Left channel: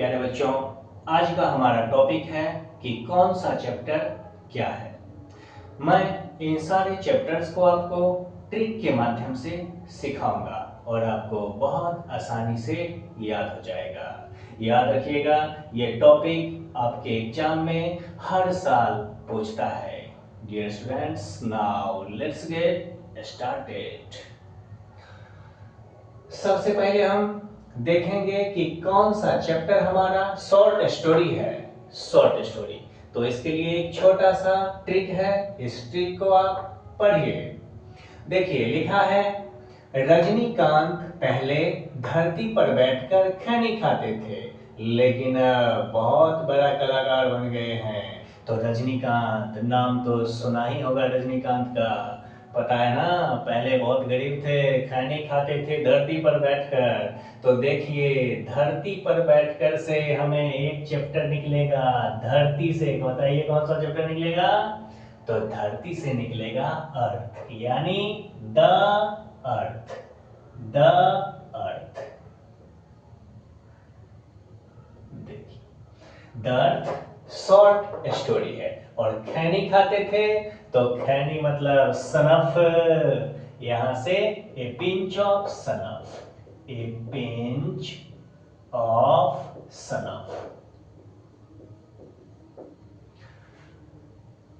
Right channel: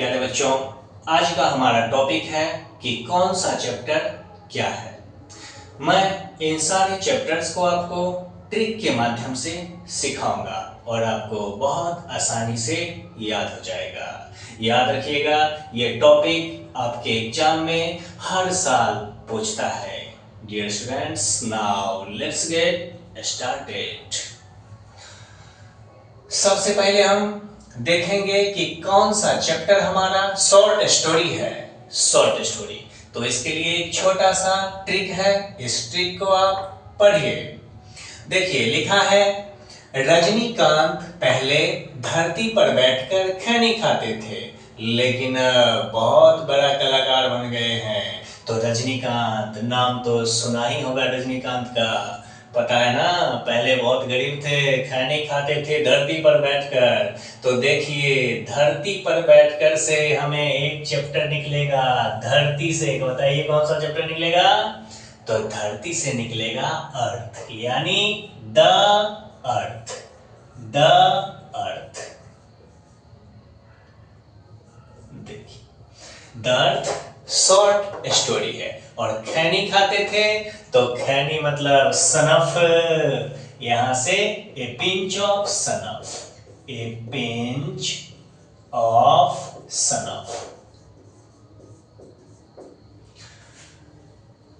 प्यारे बच्चों, आज का हमारा टॉपिक है कि कौन सा चैप्टर क्या है। मैं इन सारे चैप्टर्स को आपको ट्रिक के माध्यम से सिखाऊंगा और आपको बहुत आसानी से याद हो जाएगा। याद रखिएगा, ये टॉपिक आपके एग्जाम में हर साल पूछता है। Dear students, now let's get started. सबसे पहले हम देखेंगे कि कौन सा चैप्टर हमारा शॉर्ट स्टोरी है। शॉर्ट स्टोरी, तो इसके लिए एक छोटा सा ट्रिक है, इस ट्रिक को आप पढ़िए। देखिए, लिखा है रजनीकांत पहले धरती पर बैठकर खैनी खाते थे, लेकिन बहुत बड़ा कलाकार बन गए हैं। तो रजनीकांत नाम तो सुना ही होगा, रजनीकांत का पता है ना। पहले बहुत गरीब थे, खैनी खाते थे धरती पर बैठकर। तो देखिए, धरती पर बैठकर से हमें एक चैप्टर निकलेगा। धरती से बताइए कौन सा चैप्टर निकलेगा। तो धरती से निकलेगा अर्थ, यानी द अर्थ। द अर्थ, देखिए, द अर्थ शॉर्ट स्टोरी है। और खैनी खाते थे, तो खैनी मतलब सनफ, यहां से a pinch of snuff, a pinch of snuff.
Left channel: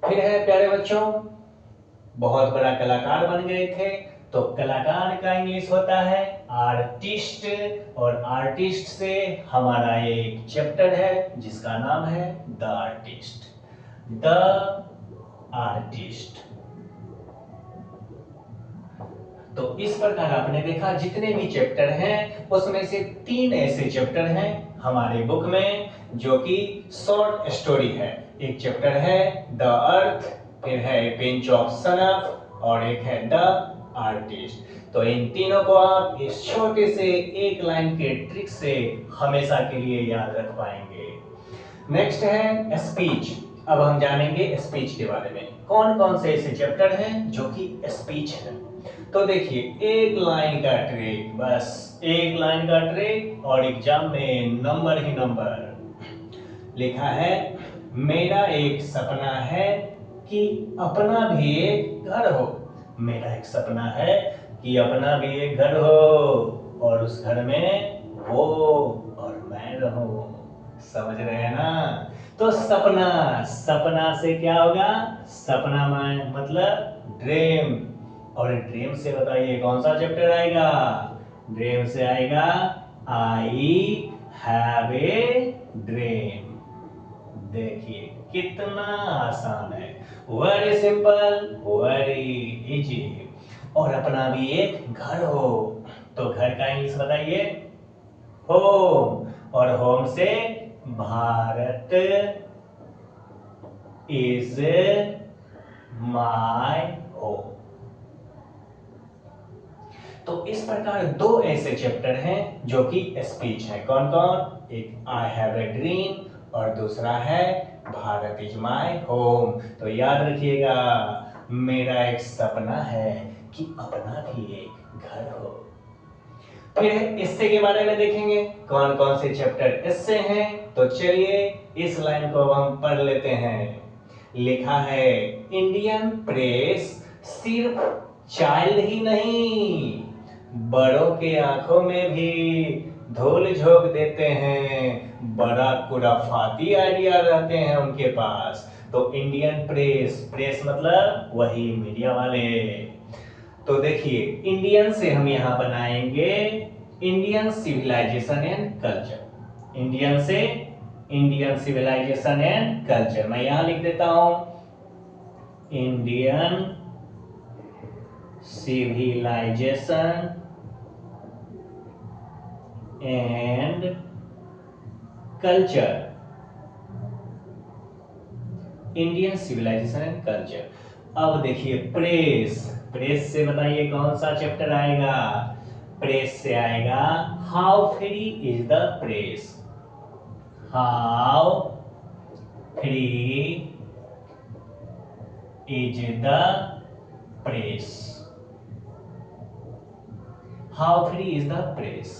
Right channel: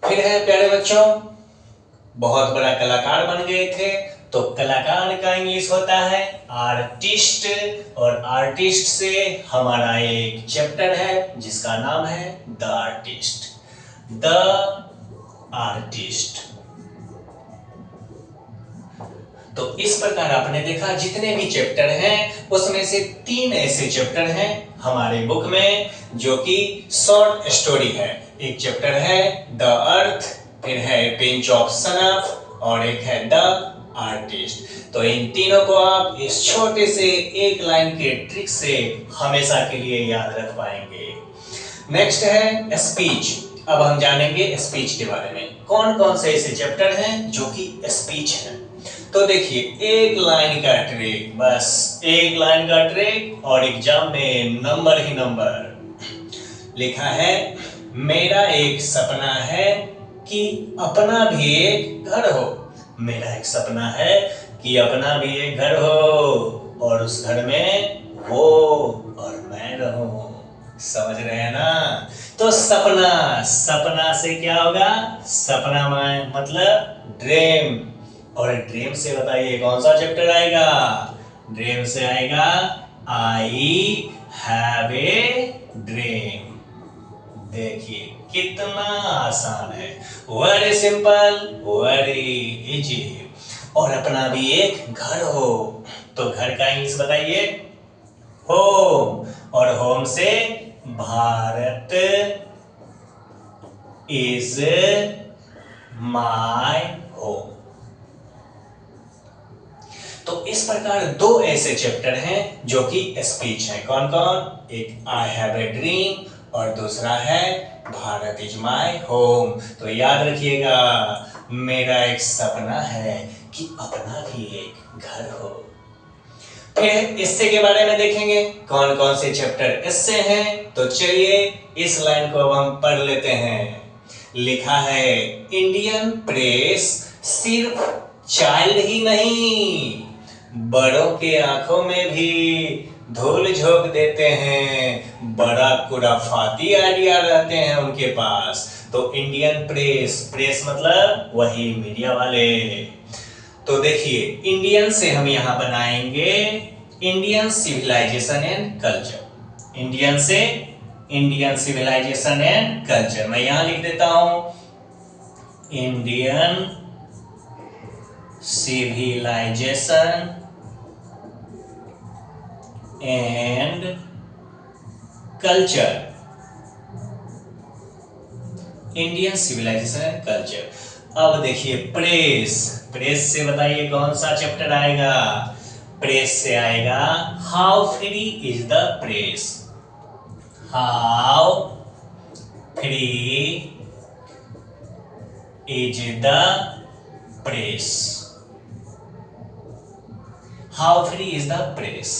फिर है प्यारे बच्चों, बहुत बड़ा कलाकार बन गए थे। तो कलाकार का इंग्लिश होता है आर्टिस्ट, और आर्टिस्ट से हमारा एक चैप्टर है जिसका नाम है द आर्टिस्ट। The artist. तो इस प्रकार आपने देखा, जितने भी चैप्टर हैं उसमें से 3 ऐसे चैप्टर हैं हमारे बुक में जो कि शॉर्ट स्टोरी है। एक चैप्टर है द अर्थ, फिर है पिंच ऑफ सनफ, और एक है द आर्टिस्ट। तो इन तीनों को आप इस छोटे से एक लाइन के ट्रिक से हमेशा के लिए याद रख पाएंगे। नेक्स्ट है स्पीच। अब हम जानेंगे स्पीच के बारे में, कौन कौन से ऐसे चैप्टर हैं जो कि स्पीच है। तो देखिए, एक लाइन का ट्रिक, बस एक लाइन का ट्रिक, और एग्जाम में नंबर ही नंबर। लिखा है मेरा एक सपना है कि अपना भी एक घर हो। मेरा एक सपना है कि अपना भी एक घर हो, और उस घर में वो और मैं रहूं। समझ रहे हैं ना। तो सपना, सपना से क्या होगा, सपना में मतलब ड्रीम, और ड्रीम से बताइए कौन सा चैप्टर आएगा। ड्रीम से आएगा आई हैव ए ड्रीम। देखिए कितना आसान है, वेरी सिंपल, वेरी इजी। और अपना भी एक घर हो, तो घर का इंग्लिश बताइए होम, और होम से भारत इज माय होम। तो इस प्रकार 2 ऐसे चैप्टर हैं जो कि स्पीच है। कौन कौन, एक आई हैव ए ड्रीम और दूसरा है भारत इज माय होम। तो याद रखिएगा, मेरा एक सपना है कि अपना भी एक घर हो। फिर इससे के बारे में देखेंगे कौन कौन से चैप्टर इससे हैं। तो चलिए इस लाइन को हम पढ़ लेते हैं। लिखा है इंडियन प्रेस सिर्फ चाइल्ड ही नहीं, बड़ों के आंखों में भी धूल झोंक देते हैं। बड़ा खुराफाती आइडिया रहते हैं उनके पास। तो इंडियन प्रेस, प्रेस मतलब वही मीडिया वाले। तो देखिए, इंडियन से हम यहां बनाएंगे Indian civilisation and culture. Indian से इंडियन सिविलाइजेशन एंड कल्चर, मैं यहां लिख देता हूं Indian civilisation and culture. Indian civilisation and culture. अब देखिए प्रेस, प्रेस से बताइए कौन सा चैप्टर आएगा। प्रेस से आएगा how free is the press. How free is the press. How free is the press.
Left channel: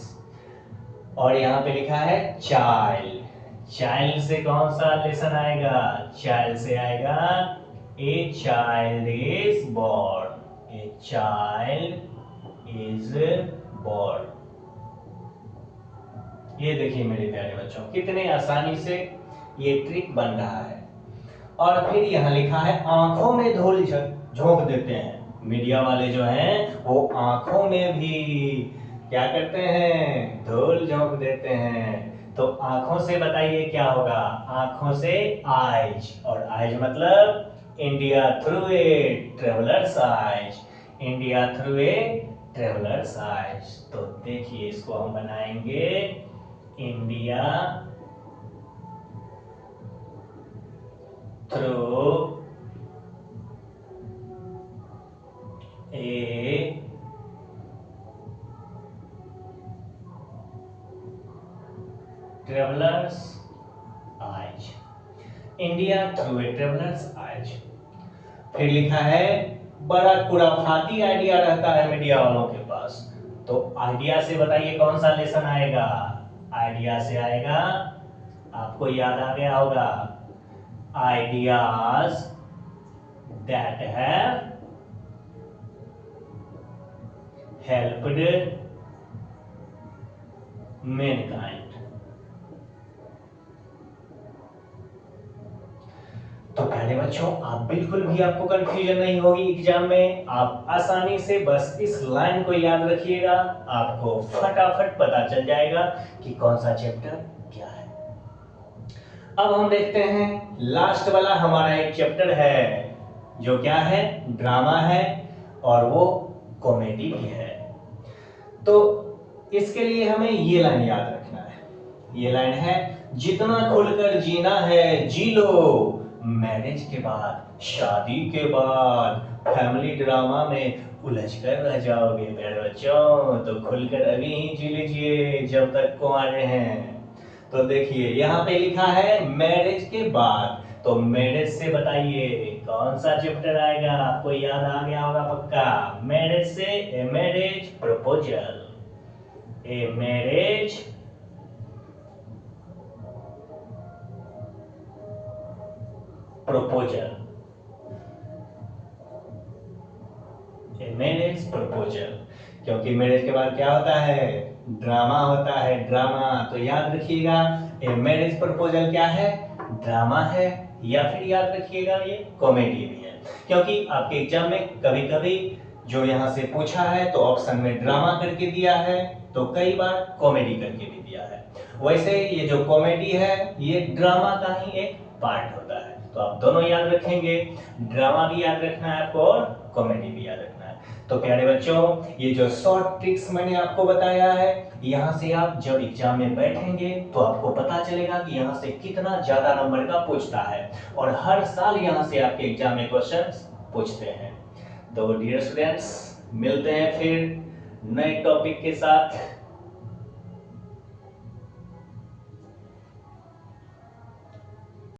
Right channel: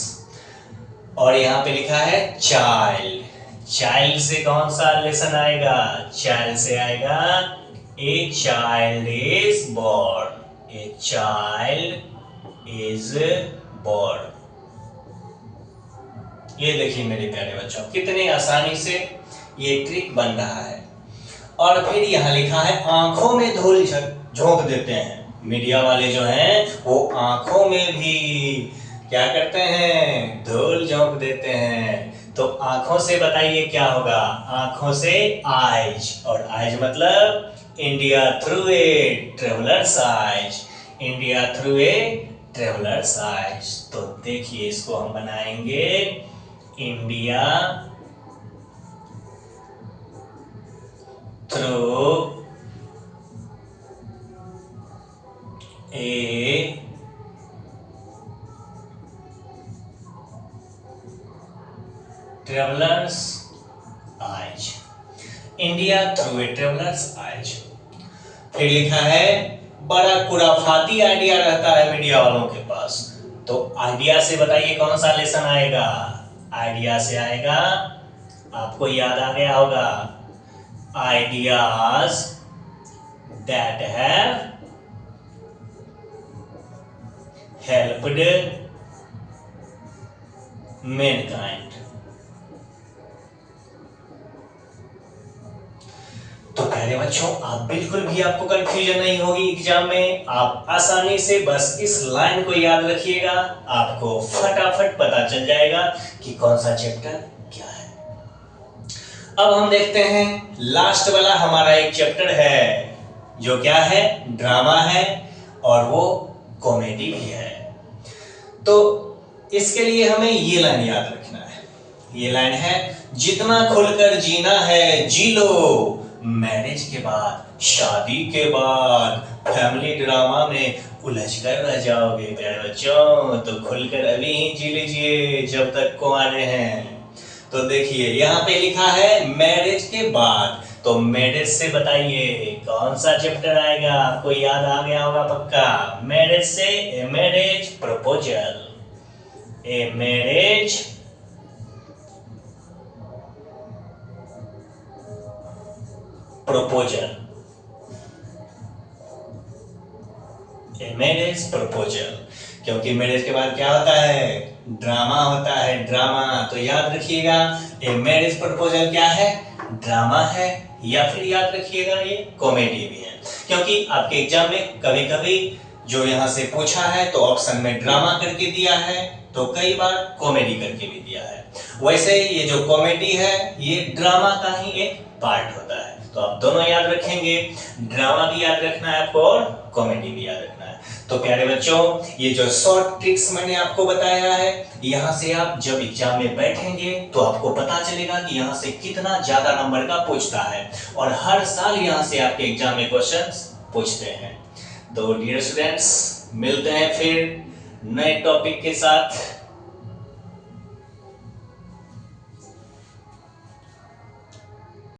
और यहाँ पे लिखा है चाइल्ड। चाइल्ड से कौन सा लेसन आएगा? चाइल्ड से आएगा a child is born. A child is born. ये देखिए मेरे प्यारे बच्चों, कितने आसानी से ये ट्रिक बन रहा है। और फिर यहाँ लिखा है आंखों में धूल झोंक देते हैं। मीडिया वाले जो हैं वो आंखों में भी क्या करते हैं? धूल झोंक देते हैं। तो आंखों से बताइए क्या होगा? आंखों से आइज, और आइज मतलब India through a travellers eyes. India through a travellers eyes. तो देखिए इसको हम बनाएंगे India through a travellers eyes. India through a travellers eyes. फिर लिखा है बड़ा खुराफाती आइडिया रहता है मीडिया वालों के पास। तो आइडिया से बताइए कौन सा लेसन आएगा? आइडिया से आएगा, आपको याद आ गया होगा, ideas that have helped Mankind. तो प्यारे बच्चों, आप बिल्कुल भी आपको कंफ्यूजन नहीं होगी एग्जाम में। आप आसानी से बस इस लाइन को याद रखिएगा, आपको फटाफट पता चल जाएगा कि कौन सा चैप्टर क्या है। अब हम देखते हैं लास्ट वाला हमारा एक चैप्टर है जो क्या है? ड्रामा है और वो कॉमेडी भी है। तो इसके लिए हमें ये लाइन याद रखना है। ये लाइन है, जितना खुलकर जीना है जी लो, मैरिज के बाद, शादी के बाद फैमिली ड्रामा में उलझ कर रह जाओगे प्यारे बच्चों। तो खुलकर अभी ही जी लीजिए जब तक कुंवारे हैं। तो देखिए यहाँ पे लिखा है मैरिज के बाद। तो मैरिज से बताइए कौन सा चैप्टर आएगा? आपको याद आ गया होगा पक्का। मैरिज से a marriage proposal. A marriage proposal. A marriage proposal. क्योंकि मैरिज के बाद क्या होता है? ड्रामा होता है, ड्रामा। तो याद रखिएगा ए मैरिज प्रपोजल क्या है? ड्रामा है, या फिर याद रखिएगा ये कॉमेडी भी है। क्योंकि आपके एग्जाम में कभी कभी जो यहाँ से पूछा है तो ऑप्शन में ड्रामा करके दिया है, तो कई बार कॉमेडी करके भी दिया है। वैसे ये जो कॉमेडी है ये ड्रामा का ही एक पार्ट होता है। तो आप दोनों याद रखेंगे, ड्रामा भी याद रखना है आपको और कॉमेडी भी याद रखना है। तो प्यारे बच्चों, ये जो शॉर्ट ट्रिक्स मैंने आपको बताया है, यहाँ से आप जब एग्जाम में बैठेंगे तो आपको पता चलेगा कि यहाँ से कितना ज्यादा नंबर का पूछता है। और हर साल यहाँ से आपके एग्जाम में क्वेश्चंस पूछते हैं। तो डियर स्टूडेंट्स, मिलते हैं फिर नए टॉपिक के साथ।